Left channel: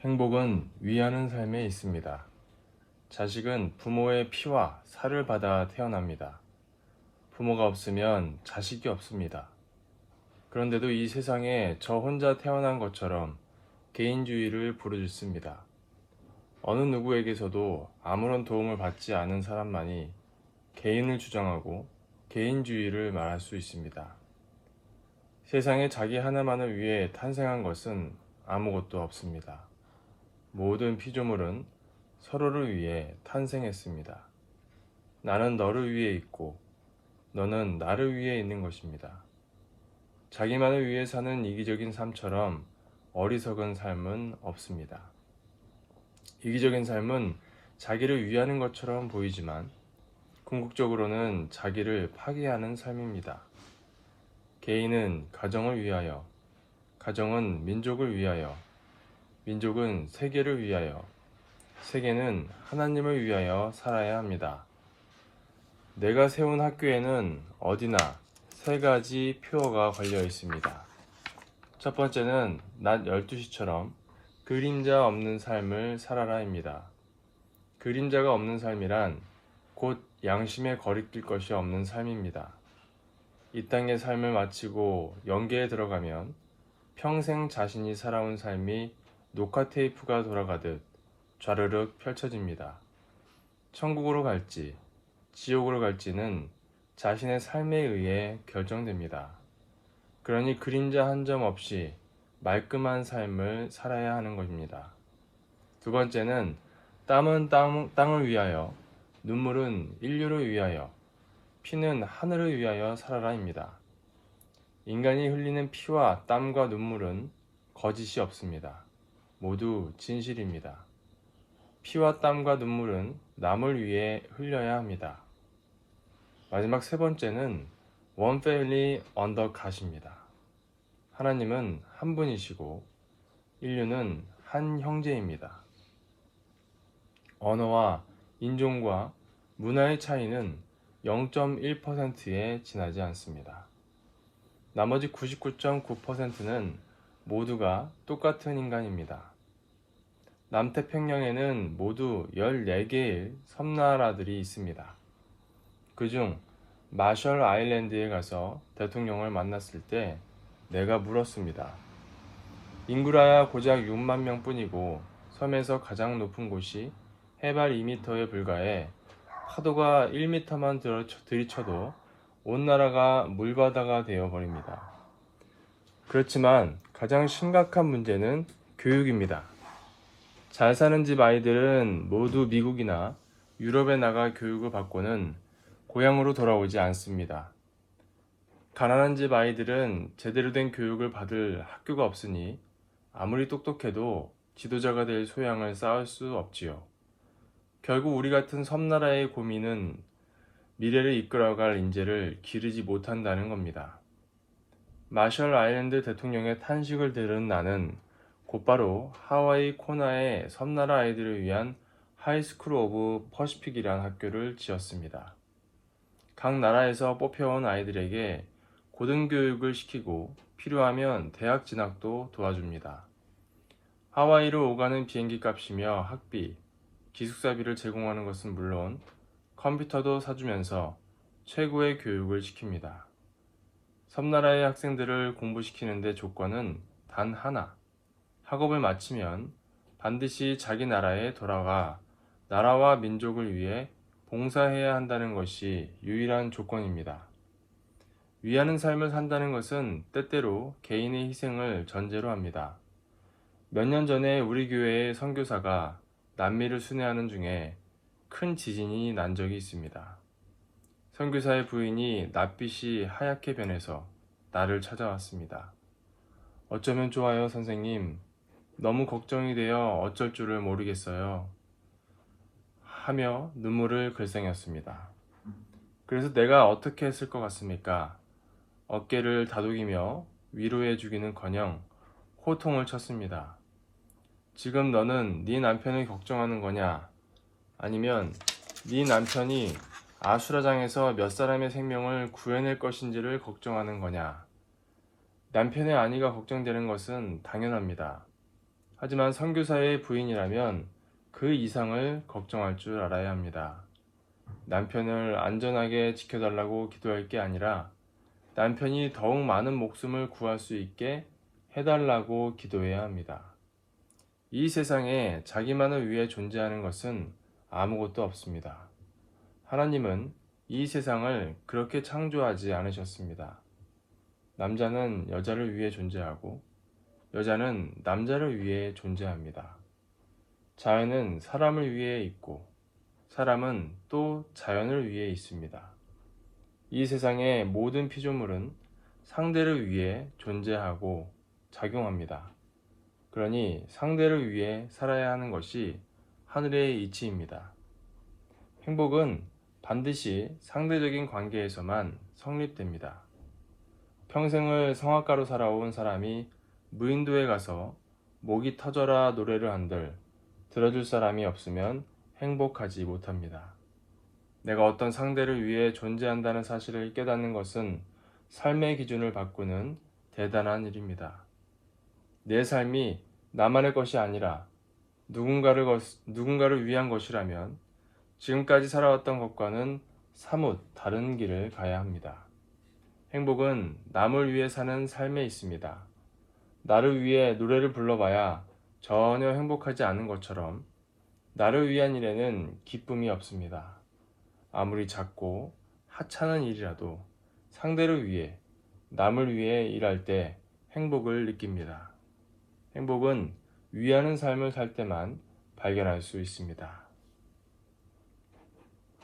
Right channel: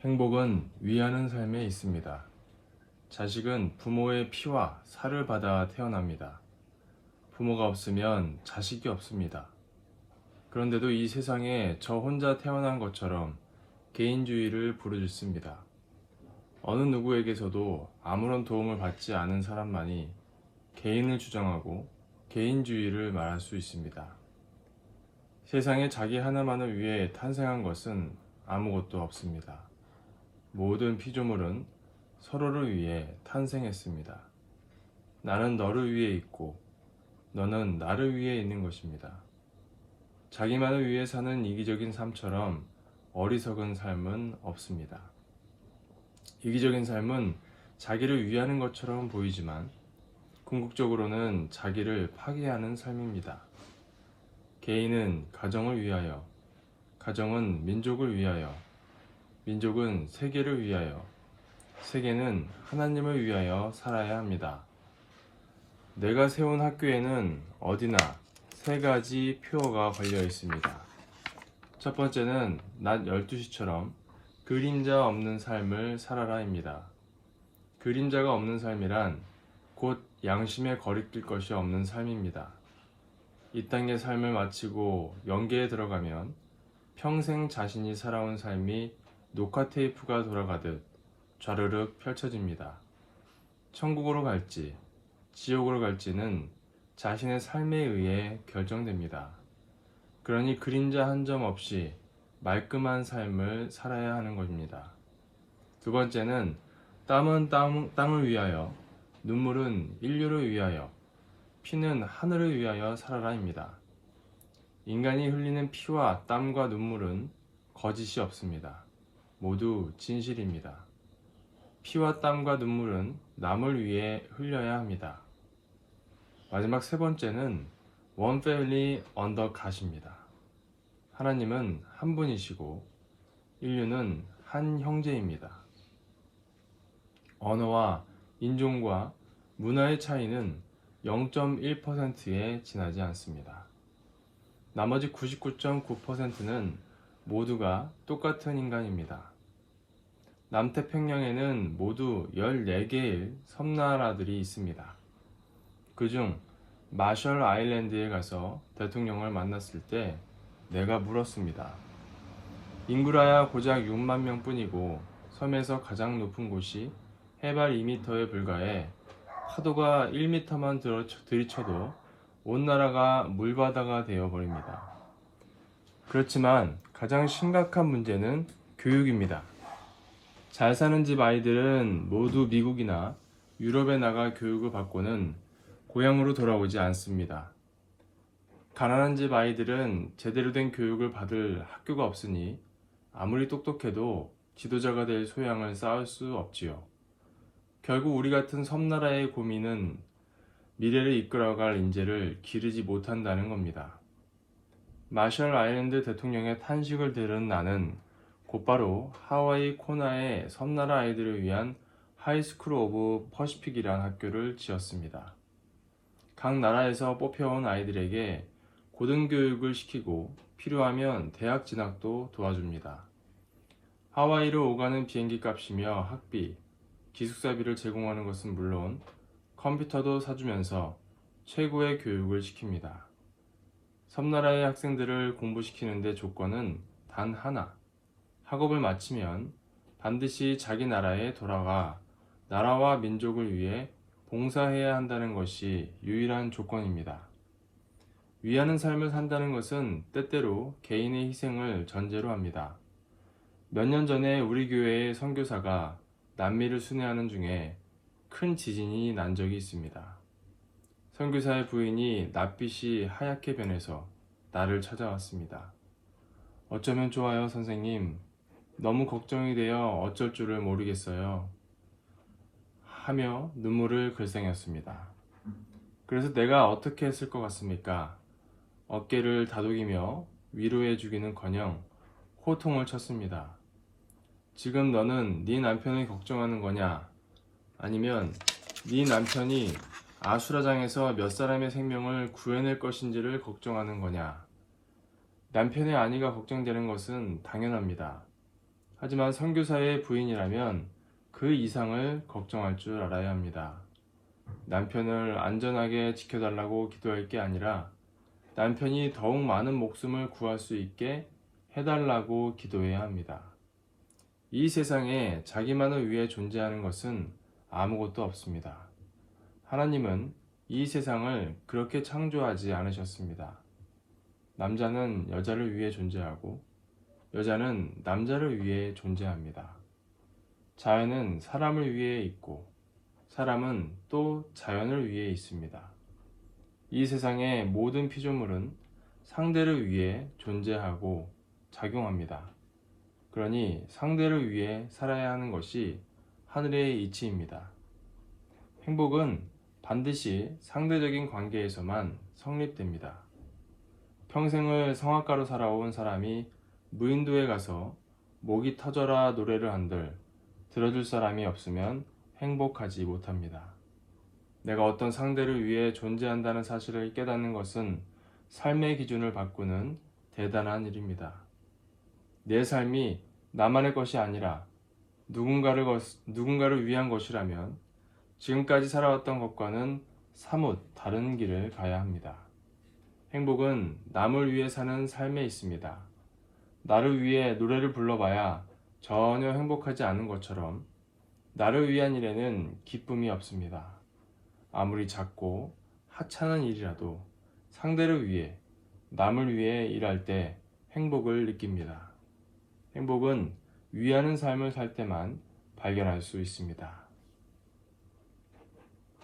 행복은 위하는 삶에 있습니다. 자식은 부모의 피와 살을 받아 태어납니다. 부모가 없으면 자식이 없습니다. 그런데도 이 세상에 저 혼자 태어난 것처럼 개인주의를 부르짖습니다. 어느 누구에게서도 아무런 도움을 받지 않은 사람만이 개인을 주장하고 개인주의를 말할 수 있습니다. 세상에 자기 하나만을 위해 탄생한 것은 아무것도 없습니다. 모든 피조물은 서로를 위해 탄생했습니다. 나는 너를 위해 있고 너는 나를 위해 있는 것입니다. 자기만을 위해 사는 이기적인 삶처럼 어리석은 삶은 없습니다. 이기적인 삶은 자기를 위하는 것처럼 보이지만 궁극적으로는 자기를 파괴하는 삶입니다. 개인은 가정을 위하여, 가정은 민족을 위하여, 민족은 세계를 위하여, 세계는 하나님을 위하여 살아야 합니다. 내가 세운 학교에는 어디나 세 가지 표어가 걸려 있습니다. 첫 번째는 낮 12시처럼 그림자 없는 삶을 살아라입니다. 그림자가 없는 삶이란 곧 양심에 거리낄 것이 없는 삶입니다. 이 땅의 삶을 마치고 영계에 들어가면 평생 자신이 살아온 삶이 녹화 테이프가 돌아가듯 좌르륵 펼쳐집니다. 천국으로 갈지, 지옥으로 갈지는 자신의 삶에 의해 결정됩니다. 그러니 그림자 한 점 없이 말끔한 삶을 살아야 하는 것입니다. 두 번째는 땀은 땅을 위하여, 눈물은 인류를 위하여, 피는 하늘을 위하여 살아라입니다. 인간이 흘리는 피와 땀과 눈물은 거짓이 없습니다. 모두 진실입니다. 피와 땀과 눈물은 남을 위해 흘려야 합니다. 마지막 세 번째는 One Family Under God입니다. 하나님은 한 분이시고 인류는 한 형제입니다. 언어와 인종과 문화의 차이는 0.1%에 지나지 않습니다. 나머지 99.9%는 모두가 똑같은 인간입니다. 남태평양에는 모두 14개의 섬나라들이 있습니다. 그중 마셜 아일랜드에 가서 대통령을 만났을 때 내가 물었습니다. 인구라야 고작 6만 명뿐이고 섬에서 가장 높은 곳이 해발 2m에 불과해 파도가 1m만 들이쳐도 온 나라가 물바다가 되어버립니다. 그렇지만 가장 심각한 문제는 교육입니다. 잘 사는 집 아이들은 모두 미국이나 유럽에 나가 교육을 받고는 고향으로 돌아오지 않습니다. 가난한 집 아이들은 제대로 된 교육을 받을 학교가 없으니 아무리 똑똑해도 지도자가 될 소양을 쌓을 수 없지요. 결국 우리 같은 섬나라의 고민은 미래를 이끌어갈 인재를 기르지 못한다는 겁니다. 마셜 아일랜드 대통령의 탄식을 들은 나는 곧바로 하와이 코나의 섬나라 아이들을 위한 하이스쿨 오브 퍼시픽이라는 학교를 지었습니다. 각 나라에서 뽑혀온 아이들에게 고등교육을 시키고 필요하면 대학 진학도 도와줍니다. 하와이로 오가는 비행기 값이며 학비, 기숙사비를 제공하는 것은 물론 컴퓨터도 사주면서 최고의 교육을 시킵니다. 섬나라의 학생들을 공부시키는데 조건은 단 하나, 학업을 마치면 반드시 자기 나라에 돌아가 나라와 민족을 위해 봉사해야 한다는 것이 유일한 조건입니다. 위하는 삶을 산다는 것은 때때로 개인의 희생을 전제로 합니다. 몇 년 전에 우리 교회의 선교사가 남미를 순회하는 중에 큰 지진이 난 적이 있습니다. 선교사의 부인이 낯빛이 하얗게 변해서 나를 찾아왔습니다. 어쩌면 좋아요, 선생님. 너무 걱정이 되어 어쩔 줄을 모르겠어요. 하며 눈물을 글썽였습니다. 그래서 내가 어떻게 했을 것 같습니까? 어깨를 다독이며 위로해주기는커녕 호통을 쳤습니다. 지금 너는 네 남편을 걱정하는 거냐? 아니면 네 남편이 아수라장에서 몇 사람의 생명을 구해낼 것인지를 걱정하는 거냐? 남편의 안위가 걱정되는 것은 당연합니다. 하지만 선교사의 부인이라면 그 이상을 걱정할 줄 알아야 합니다. 남편을 안전하게 지켜달라고 기도할 게 아니라 남편이 더욱 많은 목숨을 구할 수 있게 해달라고 기도해야 합니다. 이 세상에 자기만을 위해 존재하는 것은 아무것도 없습니다. 하나님은 이 세상을 그렇게 창조하지 않으셨습니다. 남자는 여자를 위해 존재하고 여자는 남자를 위해 존재합니다. 자연은 사람을 위해 있고 사람은 또 자연을 위해 있습니다. 이 세상의 모든 피조물은 상대를 위해 존재하고 작용합니다. 그러니 상대를 위해 살아야 하는 것이 하늘의 이치입니다. 행복은 반드시 상대적인 관계에서만 성립됩니다. 평생을 성악가로 살아온 사람이 무인도에 가서 목이 터져라 노래를 한들 들어줄 사람이 없으면 행복하지 못합니다. 내가 어떤 상대를 위해 존재한다는 사실을 깨닫는 것은 삶의 기준을 바꾸는 대단한 일입니다. 내 삶이 나만의 것이 아니라 누군가를 위한 것이라면 지금까지 살아왔던 것과는 사뭇 다른 길을 가야 합니다. 행복은 남을 위해 사는 삶에 있습니다. 나를 위해 노래를 불러봐야 전혀 행복하지 않은 것처럼 나를 위한 일에는 기쁨이 없습니다. 아무리 작고 하찮은 일이라도 상대를 위해, 남을 위해 일할 때 행복을 느낍니다. 행복은 위하는 삶을 살 때만 발견할 수 있습니다.